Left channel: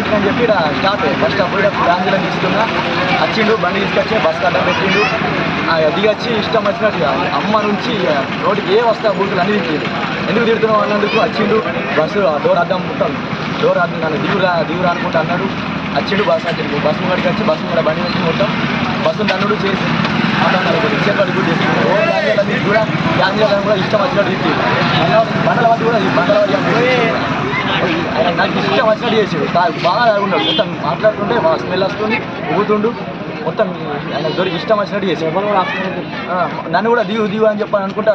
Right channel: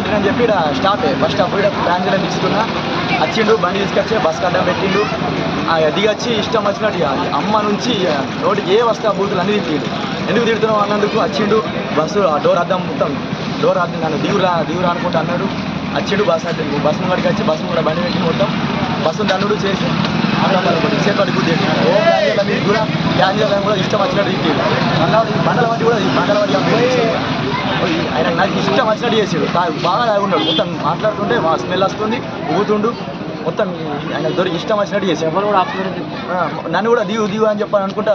కొట్టినని చెప్పి stop bus stop ఫ్యాన్జీలో తీసుకున్నా వచ్చిండు బండి తీసుకొచ్చి బస్ అడ్డం పెట్టిండు దిగొచ్చి ఇష్టం వచ్చినట్టు అమ్మ నుంచి నోటికి ఏ వస్తా బూతులు అన్ని తిట్టిండు ఎందుకు తిడుతున్నావు అన్నందుకు వచ్చిండు బస్సు డోర్ అద్దం మొత్తం డోర్ అద్దం నన్ను దిగురా అనుకుంటా అన్నాడు వచ్చిండు బస్ అడ్డు బస్ ముంగడికి వచ్చి బస్ ముంగడ బండి పెట్టి మొత్తం బస్సు దన్నుడు చేసి చేతి గుర్తు చేసి ఓ గ్యాంజర్ల మీద కూడా గ్యాంజర్లను కూడా ఇష్టం వచ్చినట్టు తిట్టిండు బండల వంటి కూడా బండల వంటి ఆయన నాకు ఇష్టం వచ్చినట్టు చేసాడు బాగా తాగున్నాడు మొత్తం మాట్లాడుతుంటే స్మెల్ వస్తుంది ఊగుతుండు మొత్తం ఆయన దొరికి ఇష్టం వచ్చినట్టు చేసాడు నన్ను కూడా దిగు అని చెప్పని అనుకుంటా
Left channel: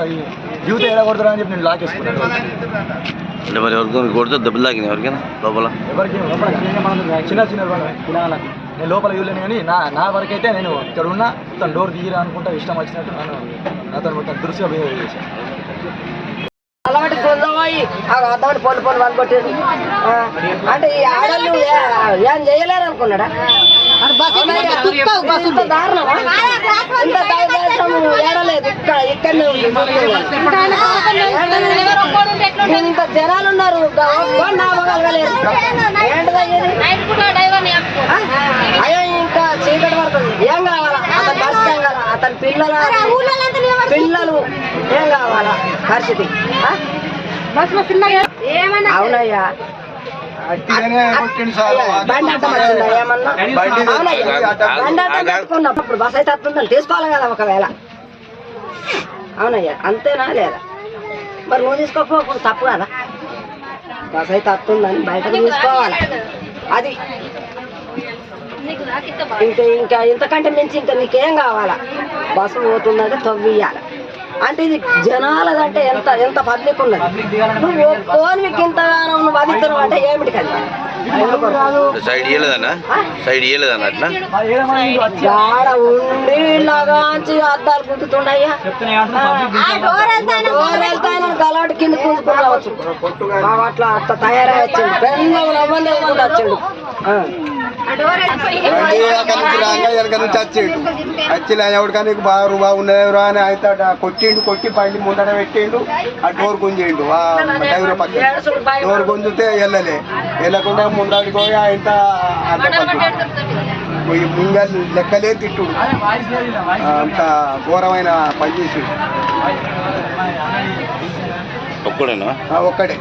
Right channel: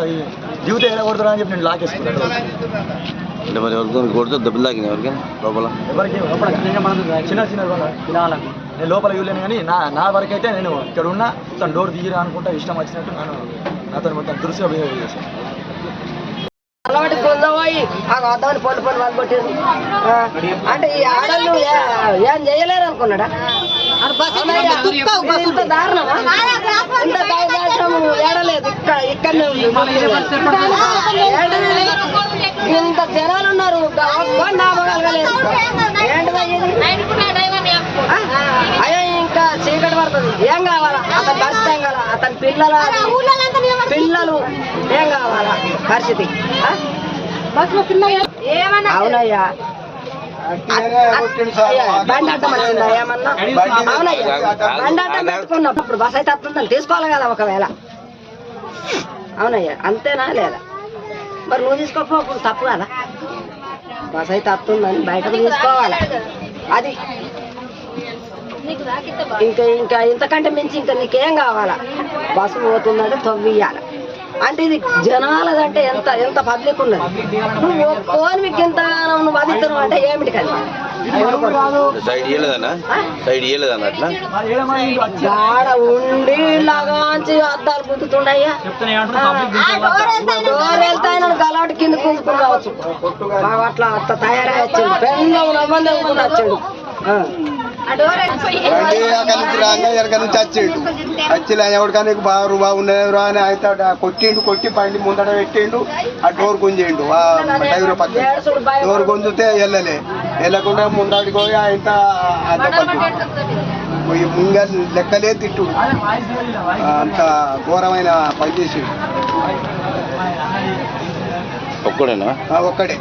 దిగుతే ఎలా కొడతారా అని చెప్పి నేను లాకేసుకున్నాను అంటే మరి ఎవరికి కొడితే దెబ్బలు తాకినాయి ఎవరికైనా లోపల ఎవరికి చిన్న నేను లోపల ఇవ్వలేను కానీ నా వరకు అయితే నేను ఇక్కడ ఉన్నా మొత్తం డోర్ దిగిరా అనుకుంటా ఇష్టం వచ్చినట్టు నాతో మొత్తం దురుసుగా బిహేవ్ చేశాను అలవాటు కొందమాయి అద్దాన్ని పొలి వాళ్ళు కొట్టాడు అంటే ఈ ఆడళ్ళు ఏం చేయలేరు అనుకున్నాడా ఇంత దారుణమా ఇంత దారుణం ఏడలేదు ఇక్కడనే ఉంది ఇంత జనాలు ఉన్నారు నామగలగలేదు అయ్యో ఇంకా చీకటి పడుతుంది ఏం కావాలా అతని పరిస్థితి ఏం కావాలా అతని పిల్లలు ఏం కావాలా పరిస్థితి అవునయ్యా బండి అడ్డం వచ్చిందా ఏమన్నా అవునయ్యా బండి అడ్డం పెట్టుకున్నప్పుడు బస్ అయితే వస్తుందని తీసుకోవాలి కదా ఒకవేళ అవునయ్యా అంతేనా లేదా మరి నువ్వు తీసుకోకపోప్పుడు తప్పు కదా బస్ అయితే వస్తుందని బయటకు తీసుకోవాలి అది ఇంకా ఇంతకంటే మించి ఇంకా నీకేం కావాలా బస్సు పోతుందంటే తవ్వియాలి అంటే ఇది జనాలదంటే ఎంత పబ్లిక్ ఉన్నది నువ్వు ఫోన్ మీకు ఇంతగానో నువ్వు అదిస్తున్నావు అంటే ఏమిటి కదా గాడ ఉండి ఇలాగాంచి అద్దాలు గుంతుతుండయ్యా డోర్ వెళ్తాయని గలాటు కింద గుంజుకుని రావచ్చు అట్లా తయారై వచ్చిండు పెళ్ళ నవ్వంది అనుకుంటూ వచ్చిండు వెనక నుంచి వచ్చేడు వచ్చి ఎవరికైనా బాగున్నాయి అని అయితే కొట్టి బండి ముందట పెట్టిండు ఆ డోర్ గుంజిండు డ్రైవర్ పక్క డోర్ గుంజితే వెళ్ళకుండా ముందటి పోయి ఆయన ముంగ లెక్కలే తిట్టుడు అంత ఘోరమైన పని చేసి ఒక్కడే